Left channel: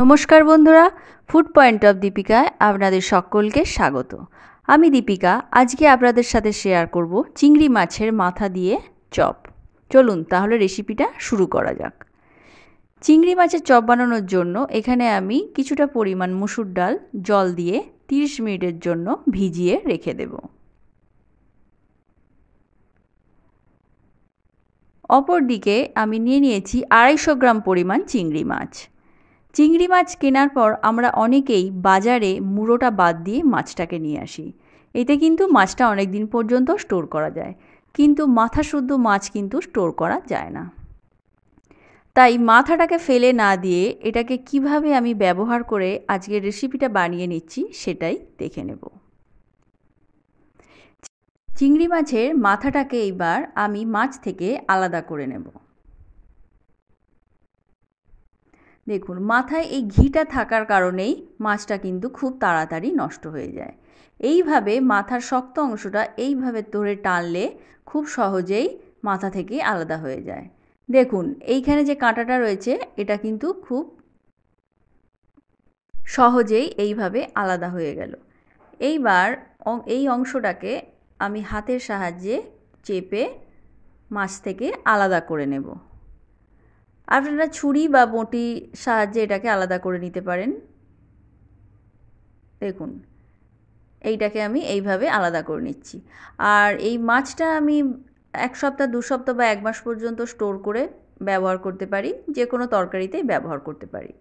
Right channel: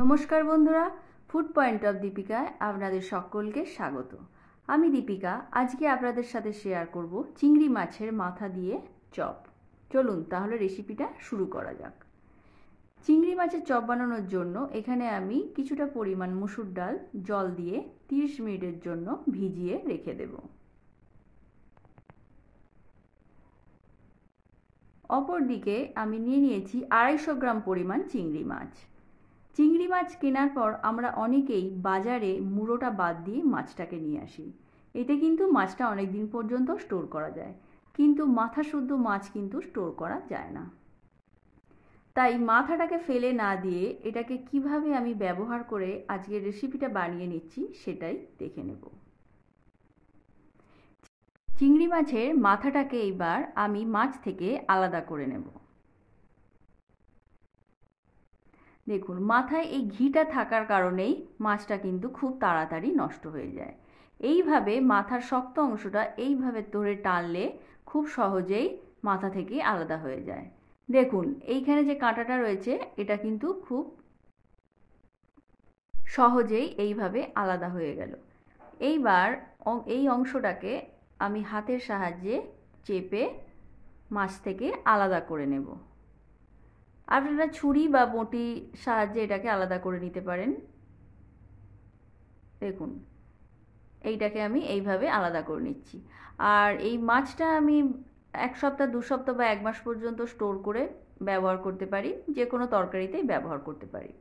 নমস্কার বন্ধুরা, food point of দীপিকায় আপনাদের সকলকে স্বাগত। আমি দীপিকা। আজকে আপনাদের সাথে শেয়ার করব চিংড়ি মাছের মাথা দিয়ে চপ। চলুন তাহলে রেসিপিটা শুরু করা যাক। চিংড়ি মাছের চপ বানানোর জন্য এখানে আমি কিছুটা পরিমাণ মসুর ডাল জল দিয়ে 30 মিনিটের জন্য ভিজিয়ে রেখে দেব। অপরদিকে আমি নিয়ে নিয়েছি 250 গ্রাম পরিমাণ চিংড়ি মাছ। চিংড়ি মাছ কেনার পর আমরা অনেকেই বাজারে মুড়োটা বাদ দিয়ে মাছটাকে নিয়ে আসি। এতে কিন্তু মাছটা অনেক দিন পর্যন্ত স্টোর করা যায়, কিন্তু মাথা শুদ্ধ মাছ কিন্তু স্টোর করা যায় না। তাই মাথাটাকে ফেলে না দিয়ে এটাকে কিভাবে আমি ব্যবহার করে আজকের রেসিপিটা বানিয়ে নিচ্ছি সেটাই দেখে নেব। চিংড়ি মাছের মাথাটাকে এইবার আমি মাছ থেকে আলাদা করে নেব। দেখুন, মাথায় এই ঘিটা থাকার কারণেই মাছটা কিন্তু খুব তাড়াতাড়ি নষ্ট হয়ে যায়। এইভাবে মাথার শক্ত অংশটা এইভাবে ধরে টানলে খুব সহজেই মাথা থেকে আলাদা হয়ে যায়। দেখুন, এইখানে যে কাঁটাটা রয়েছে এটা কিন্তু খুব সহজেই এইভাবে আলাদা হয়ে গেল। এইবার এই অংশটাকে আমি হাতের সাহায্যে চেপে মাছ থেকে আলাদা করে নেব। আপনারা ছুরি বা বঁটির সাহায্যে এটাকে আলাদা করে নিতে পারেন। দেখুন, এইটাকে আমি এইভাবে আলাদা করে নিচ্ছি। আর এই মাছটা আমি 1 সপ্তাহ 2 সপ্তাহ বা 1 মাস পর্যন্ত স্টোর করে ব্যবহার করতে পারি, যে কোনো তরকারিতেই ব্যবহার করতে পারি।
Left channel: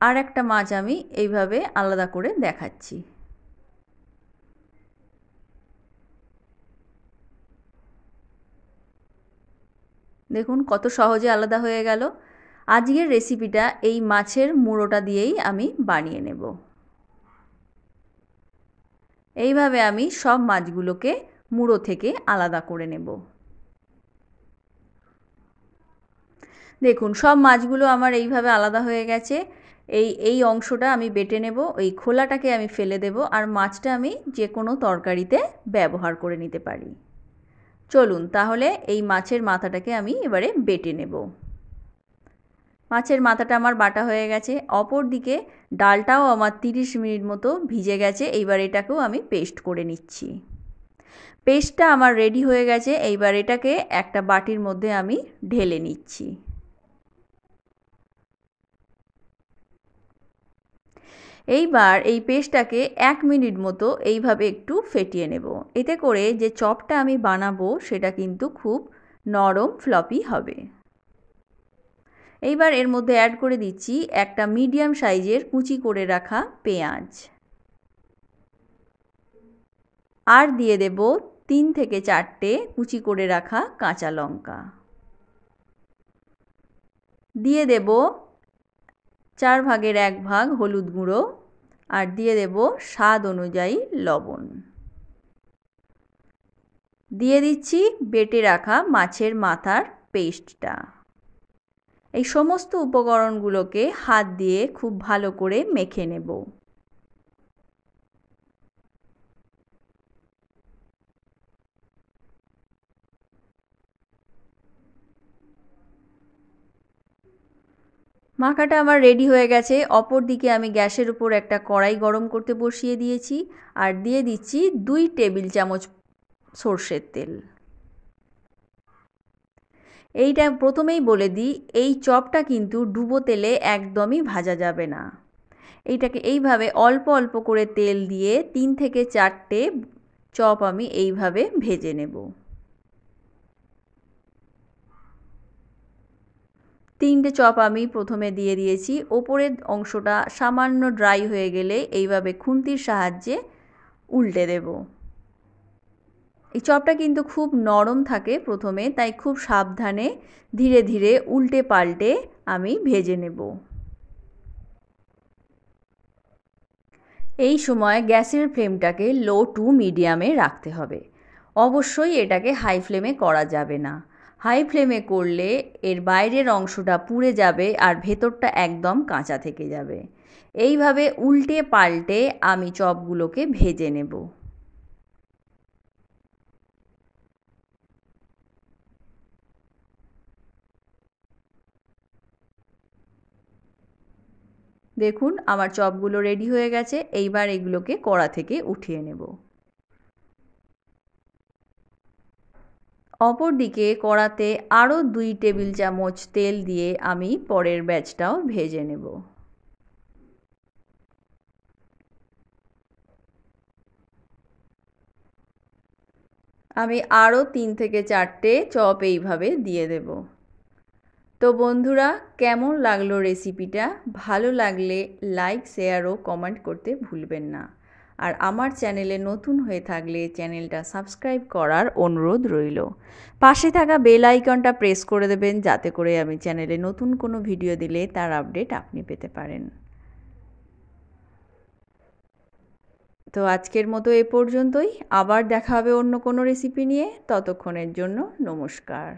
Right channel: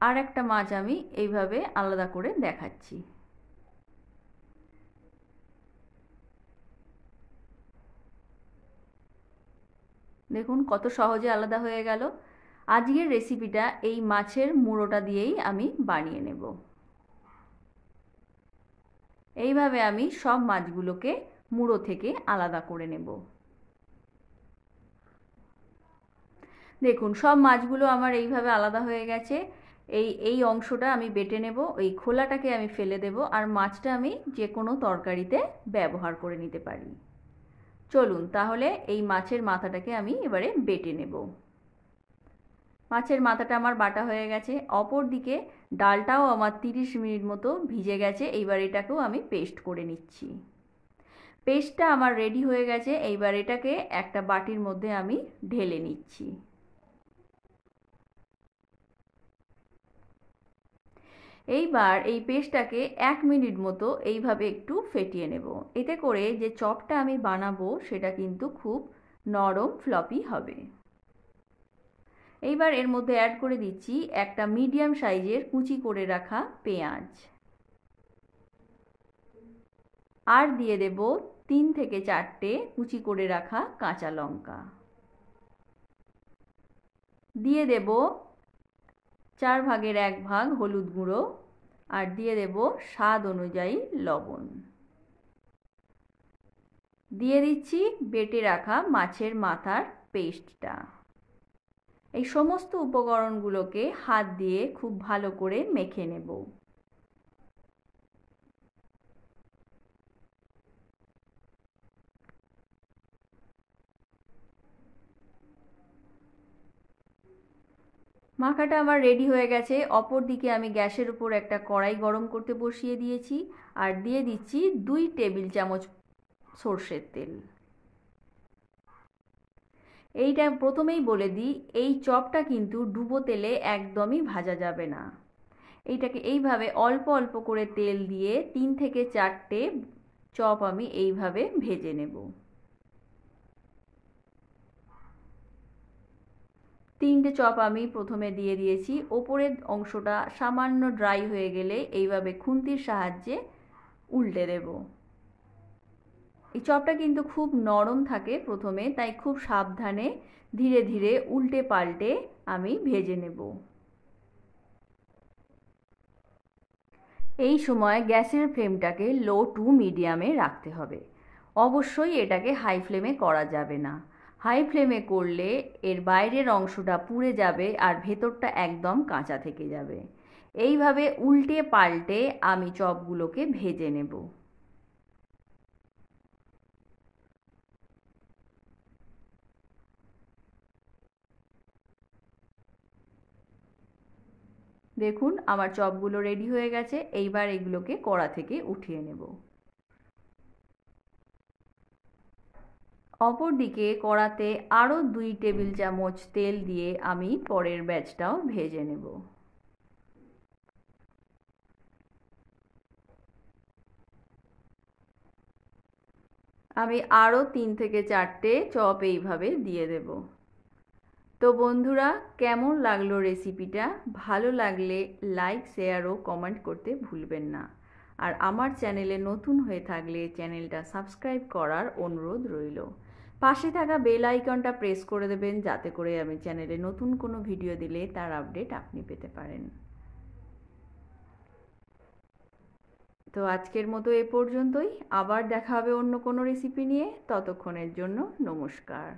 আর একটা মাছ আমি এইভাবে আলাদা করে দেখাচ্ছি। দেখুন কত সহজে আলাদা হয়ে গেল। আজকের রেসিপিটা এই মাছের মুড়োটা দিয়েই আমি বানিয়ে নেব। এইভাবে আমি সব মাছগুলোকে মুড়ো থেকে আলাদা করে নেব। দেখুন, সব মাছগুলো আমার এইভাবে আলাদা হয়ে গেছে। এই অংশটা আমি বেটে নেব, এই খোলাটাকে আমি ফেলে দেব, আর মাছটা আমি যে কোনো তরকারিতে ব্যবহার করে নিতে পারি। চলুন তাহলে এই মাছের মাথাটাকে আমি এবারে বেটে নেব। মাছের মাথাটা আমার বাটা হয়ে গেছে। অপর দিকে ডালটাও আমার 30 মিনিট মতো ভিজে গেছে। এইবার এটাকেও আমি পেস্ট করে নিচ্ছি। পেস্টটা আমার রেডি হয়ে গেছে। এইবার এটাকে একটা বাটির মধ্যে আমি ঢেলে নিচ্ছি। এইবার এই পেস্টটাকে 1 মিনিট মতো এইভাবে একটু ফেটিয়ে নেব। এতে করে যে চপটা আমি বানাবো সেটা কিন্তু খুব নরম ফ্লপি হবে। এইবার এর মধ্যে অ্যাড করে দিচ্ছি একটা মিডিয়াম সাইজের কুচি করে রাখা পেঁয়াজ, আর দিয়ে দেব 3 থেকে 4টে কুচি করে রাখা কাঁচা লঙ্কা, দিয়ে দেব 4 ভাগের 1 ভাগ হলুদ গুঁড়ো, আর দিয়ে দেব স্বাদ অনুযায়ী লবণ। দিয়ে দিচ্ছি বেটে রাখা মাছের মাথার পেস্টটা। এই সমস্ত উপকরণগুলোকে হাত দিয়ে খুব ভালো করে মেখে নেব। মাখাটা আমার রেডি হয়ে গেছে। অপর দিকে আমি গ্যাসের উপর একটা কড়াই গরম করতে বসিয়ে দিয়েছি, আর দিয়ে দিচ্ছি 2 টেবিল চামচ সর্ষের তেল। এইটা প্রথমেই বলে দিই, এই চপটা কিন্তু ডুবো তেলে একদমই ভাজা যাবে না। এইটাকে এইভাবে অল্প অল্প করে তেল দিয়ে 3 থেকে 4টে চপ আমি এইভাবে ভেজে নেব। 3টে চপ আমি প্রথমে দিয়ে দিয়েছি। ওপরের অংশটা সামান্য ড্রাই হয়ে গেলে এইভাবে খুন্তির সাহায্যে উল্টে দেব। এই চপটা কিন্তু খুব নরম থাকে প্রথমে, তাই খুব সাবধানে ধীরে ধীরে উল্টে পাল্টে আমি ভেজে নেব। এই সময় গ্যাসের ফ্লেমটাকে লো টু মিডিয়ামে রাখতে হবে। অবশ্যই এটাকে হাই ফ্লেমে করা যাবে না। হাই ফ্লেমে করলে এর বাইরের অংশটা পুড়ে যাবে আর ভেতরটা একদম কাঁচা থেকে যাবে। এইভাবে উল্টে পাল্টে আমি চপগুলোকে ভেজে নেব। দেখুন আমার চপগুলো রেডি হয়ে গেছে। এইবার এগুলোকে কড়া থেকে উঠিয়ে নেব। অপরদিকে কড়াতে আরও 2 টেবিল চামচ তেল দিয়ে আমি পরের ব্যাচটাও ভেজে নেব। আমি আরও 3 থেকে 4টে চপ এইভাবে দিয়ে দেব। তো বন্ধুরা, কেমন লাগলো রেসিপিটা? ভালো লাগলে লাইক, শেয়ার ও কমেন্ট করতে ভুলবেন না। আর আমার চ্যানেলে নতুন হয়ে থাকলে চ্যানেলটা সাবস্ক্রাইব করার অনুরোধ রইল। পাশে থাকা বেল আইকনটা প্রেস করে দেবেন, যাতে করে আমি চ্যানেলে নতুন কোনো ভিডিও দিলে তার আপডেট আপনি পেতে পারেন। তো আজকের মতো এ পর্যন্তই। আবার দেখা হবে অন্য কোনো রেসিপি নিয়ে। ততক্ষণের জন্য নমস্কার।